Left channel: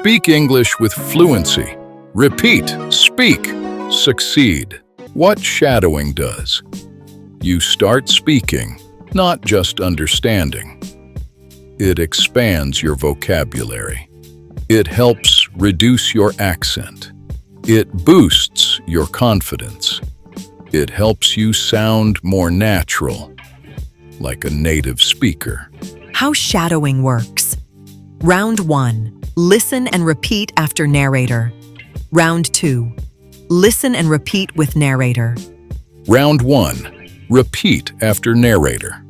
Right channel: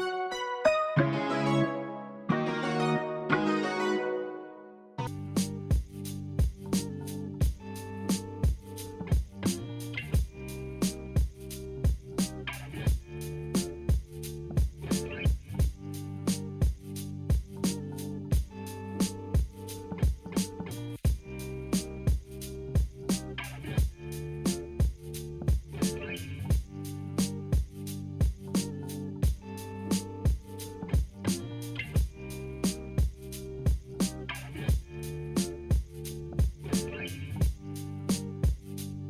Speak English with fluency. Repeat, speak, succeed. What shadowing does? You start speaking, not just understanding. It expands your vocabulary. It helps reduce your accent. It boosts your confidence. It helps you sound more natural, like a native speaker. How shadowing works. Round 1. Listen and repeat after narrator. Round 2. Listen and repeat with narrator. Round 1. Repeat after narrator.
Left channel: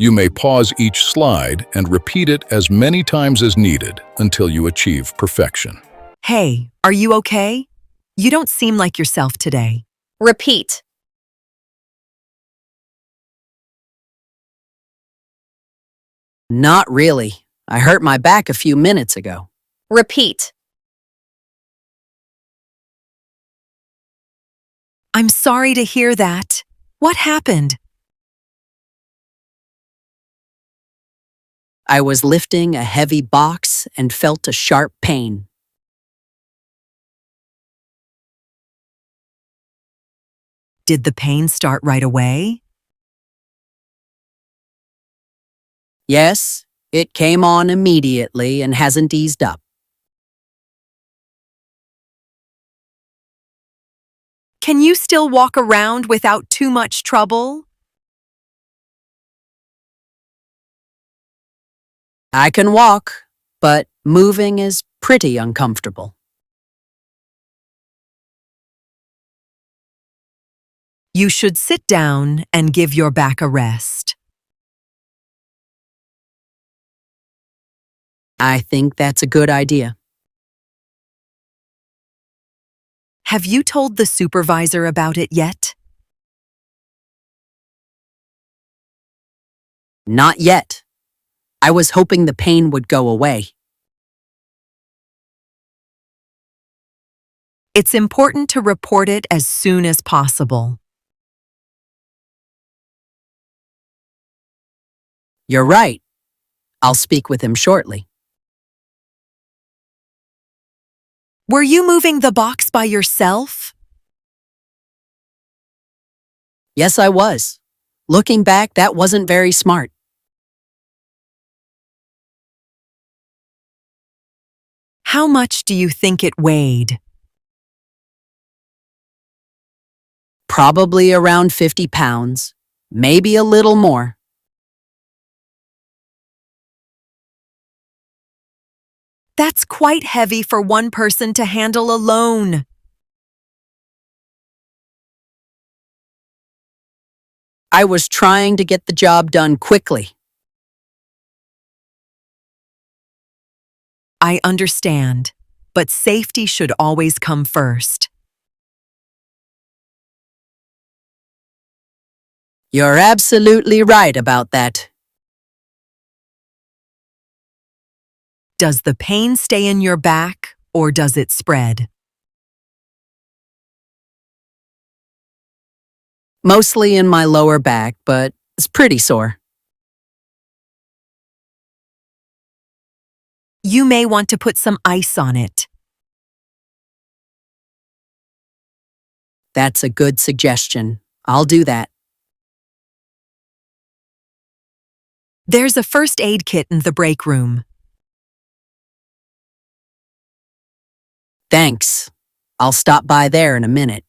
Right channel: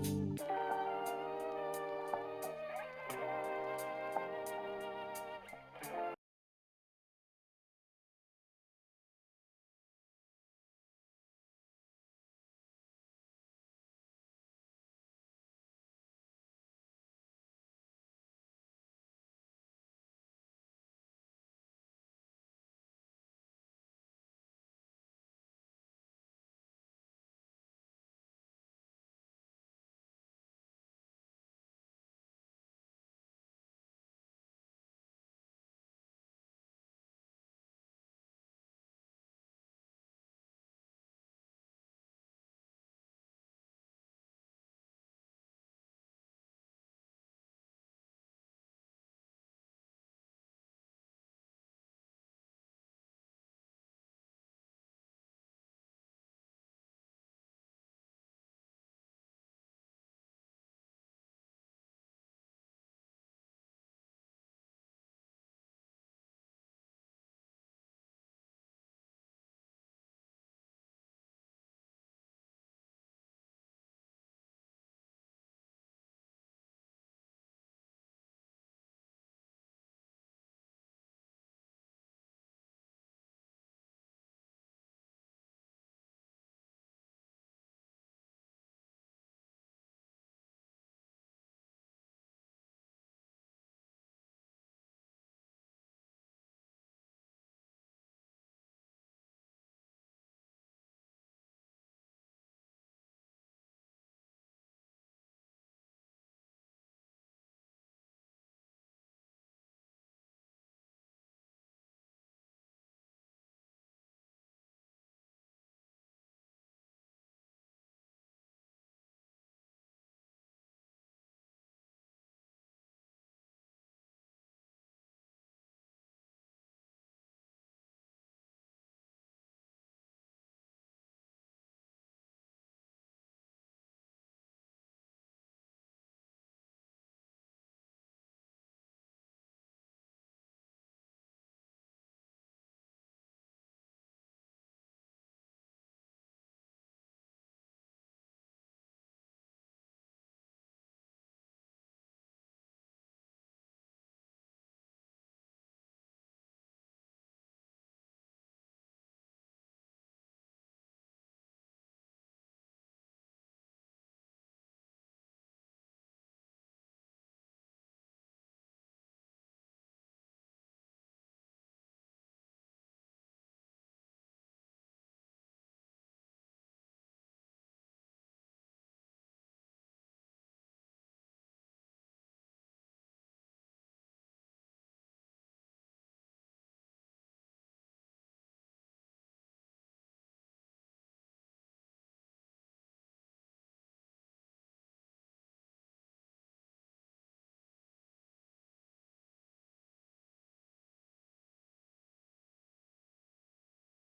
You may pause each slide and repeat it as many times as needed until you achieve perfection. Hey, are you okay? You don't seem like yourself today. Repeat. Not really. I hurt my back a few minutes ago. Repeat. I'm sorry to hear that. What happened? I was lifting a heavy box and felt a sharp pain. Did the pain start right away? Yes, it came on immediately and hasn't eased up. Can you still walk around without too much trouble? I can walk, but moving is pretty uncomfortable. You should sit down and give your back a rest. I think that's a good idea. Have you told the supervisor about it yet? Not yet. I was hoping the pain would go away. It's important to report it as soon as possible. You're right. I'll speak with him shortly. Were you moving the box by yourself? Yes, I was. Looking back, that wasn't very smart. How much do you think it weighed? Probably around 50 pounds, maybe a little more. That's quite heavy for one person to handle alone. I was trying to get the job done quickly. I understand, but safety should always come first. You're absolutely right about that. Does the pain stay in your back or does it spread? Mostly in my lower back, but it's pretty sore. You may want to put some ice on it. That's a good suggestion. I'll do that. There's a first aid kit in the break room. Thanks. I'll stop by there in a minute.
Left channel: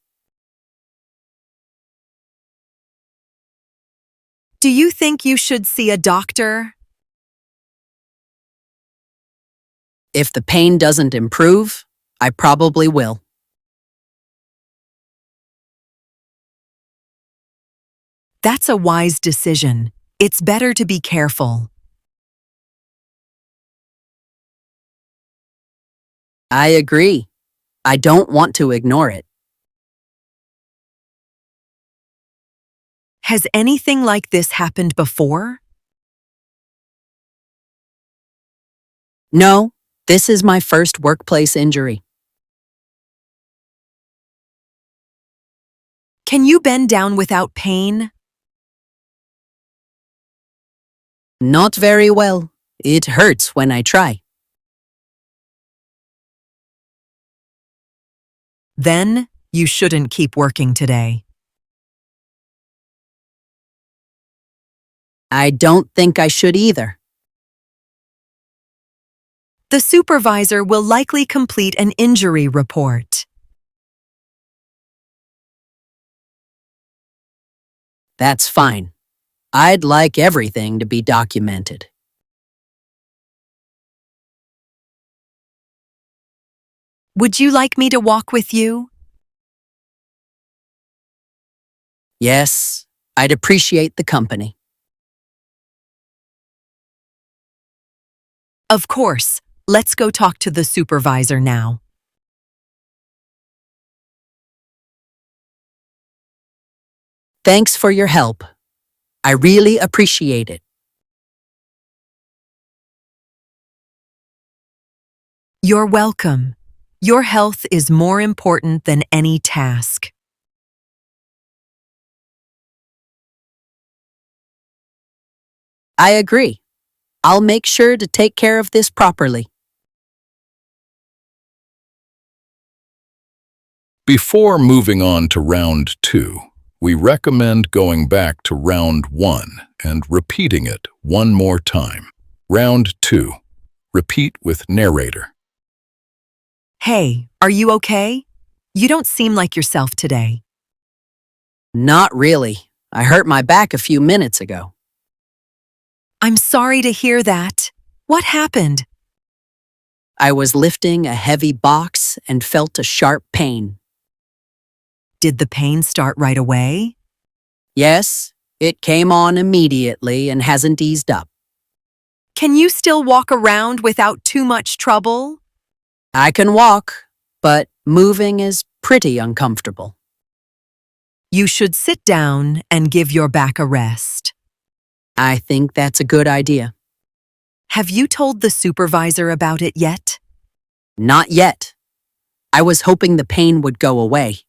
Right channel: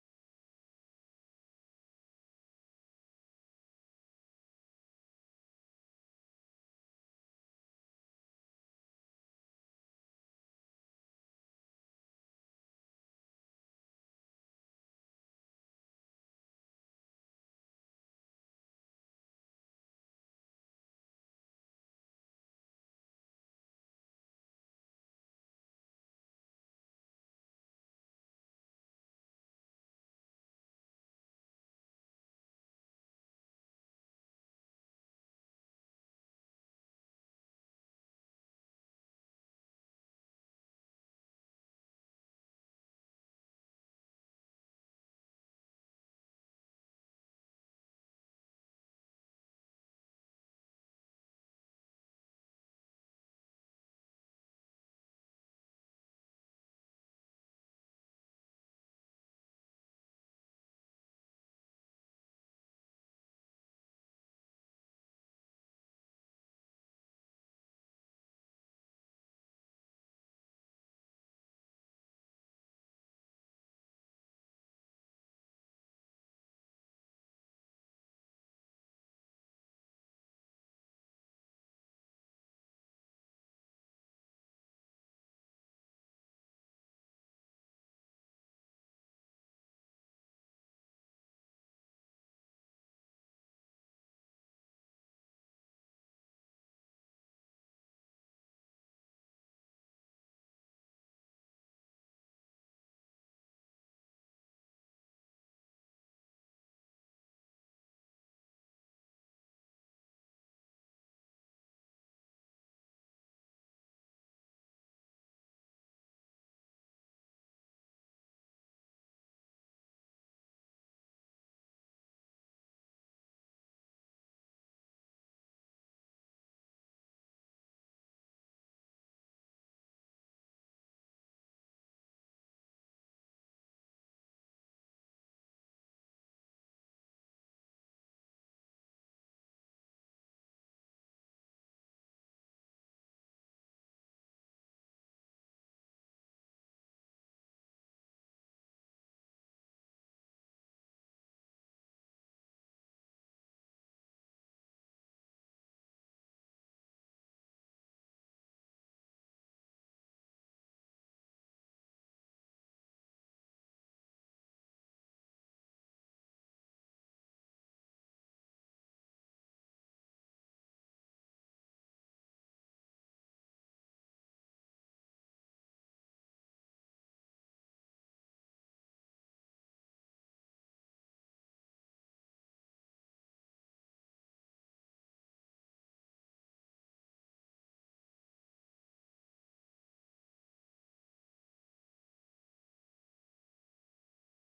Do you think you should see a doctor? If the pain doesn't improve, I probably will. That's a wise decision. It's better to be careful. I agree. I don't want to ignore it. Has anything like this happened before? No, this is my first workplace injury. Can you bend down without pain? Not very well. It hurts when I try. Then you shouldn't keep working today. I don't think I should either. The supervisor will likely complete an injury report. That's fine. I'd like everything to be documented. Would you like me to walk with you? Yes, I'd appreciate the company. Of course. Let's go talk to the supervisor now. Thanks for your help. I really appreciate it. You're welcome. Your health is more important than any task. I agree. I'll make sure to take care of this properly. Before moving on to round 2, we recommend going back to round 1 and repeating it one more time. Round 2. Repeat with narrator. Hey, are you okay? You don't seem like yourself today. Not really. I hurt my back a few minutes ago. I'm sorry to hear that. What happened? I was lifting a heavy box and felt a sharp pain. Did the pain start right away? Yes, it came on immediately and hasn't eased up. Can you still walk around without too much trouble? I can walk, but moving is pretty uncomfortable. You should sit down and give your back a rest. I think that's a good idea. Have you told the supervisor about it yet? Not yet. I was hoping the pain would go away.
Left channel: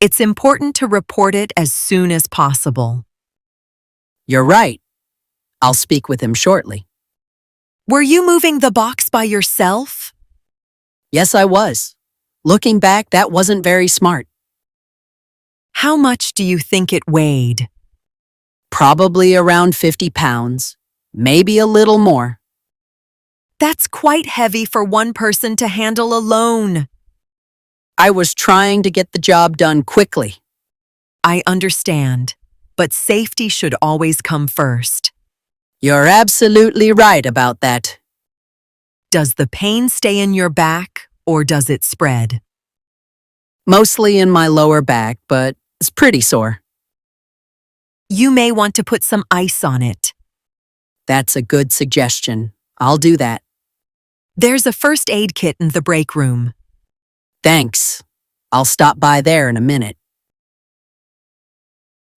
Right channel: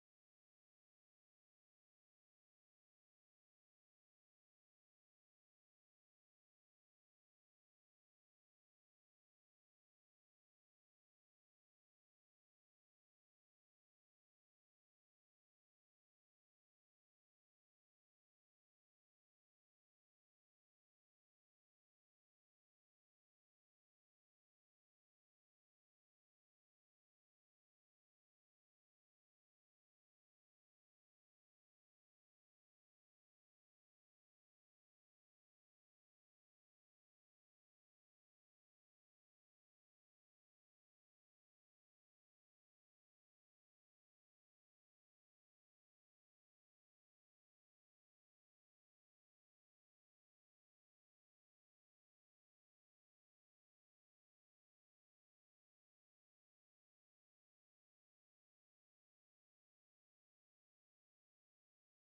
It's important to report it as soon as possible. You're right. I'll speak with him shortly. Were you moving the box by yourself? Yes, I was. Looking back, that wasn't very smart. How much do you think it weighed? Probably around 50 pounds, maybe a little more. That's quite heavy for one person to handle alone. I was trying to get the job done quickly. I understand, but safety should always come first. You're absolutely right about that. Does the pain stay in your back or does it spread? Mostly in my lower back, but it's pretty sore. You may want to put some ice on it. That's a good suggestion. I'll do that. There's a first aid kit in the break room. Thanks. I'll stop by there in a minute.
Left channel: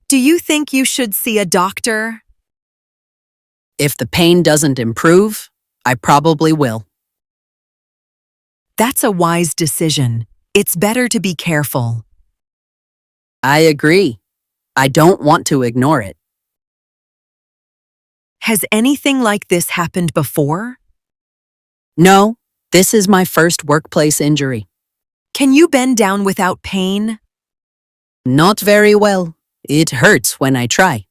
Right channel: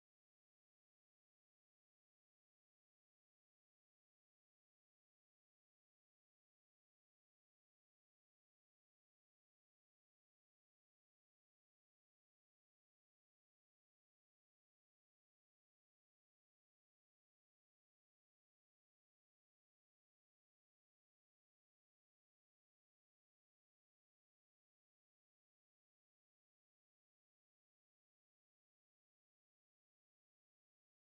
Do you think you should see a doctor? If the pain doesn't improve, I probably will. That's a wise decision. It's better to be careful. I agree. I don't want to ignore it. Has anything like this happened before? No, this is my first workplace injury. Can you bend down without pain? Not very well. It hurts when I try.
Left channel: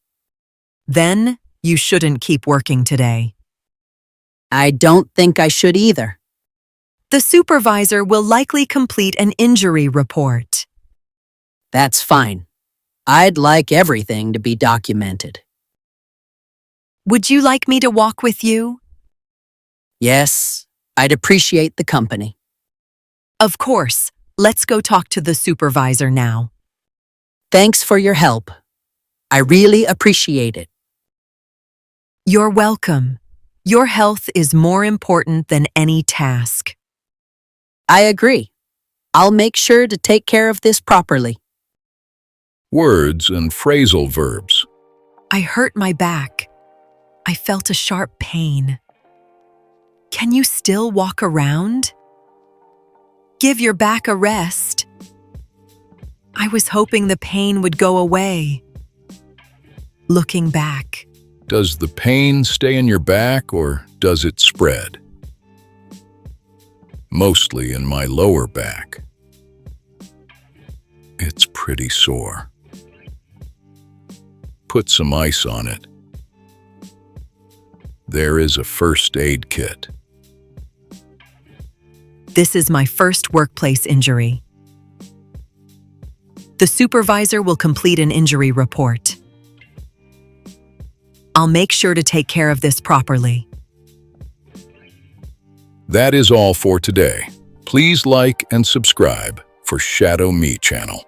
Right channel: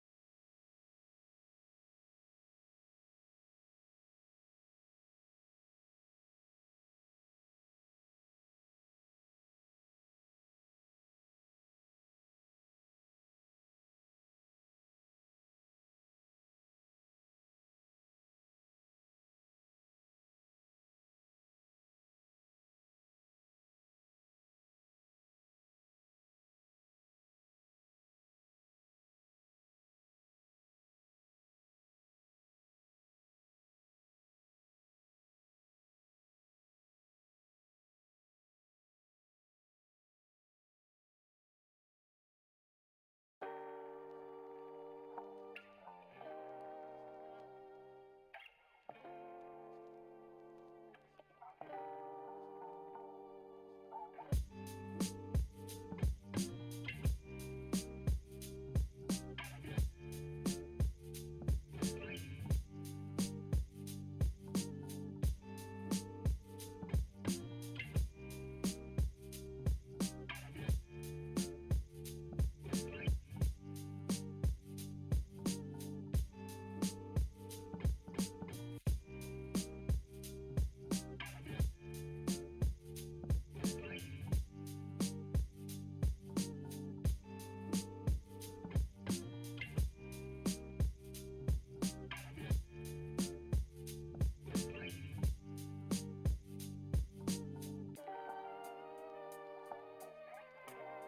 Then you shouldn't keep working today. I don't think I should either. The supervisor will likely complete an injury report. That's fine. I'd like everything to be documented. Would you like me to walk with you? Yes, I'd appreciate the company. Of course. Let's go talk to the supervisor now. Thanks for your help. I really appreciate it. You're welcome. Your health is more important than any task. I agree. I'll make sure to take care of this properly. Words and phrasal verbs. I hurt my back. I felt a sharp pain. Can you still walk around? Give your back a rest. I was hoping the pain would go away. Looking back. Does the pain stay in your back or does it spread? Mostly in my lower back. It's pretty sore. Put some ice on it. There is a first aid kit. This is my first workplace injury. The supervisor will complete an injury report. I'll make sure to take care of this properly. That is all for today. Please like and subscribe for Shadow Me channel.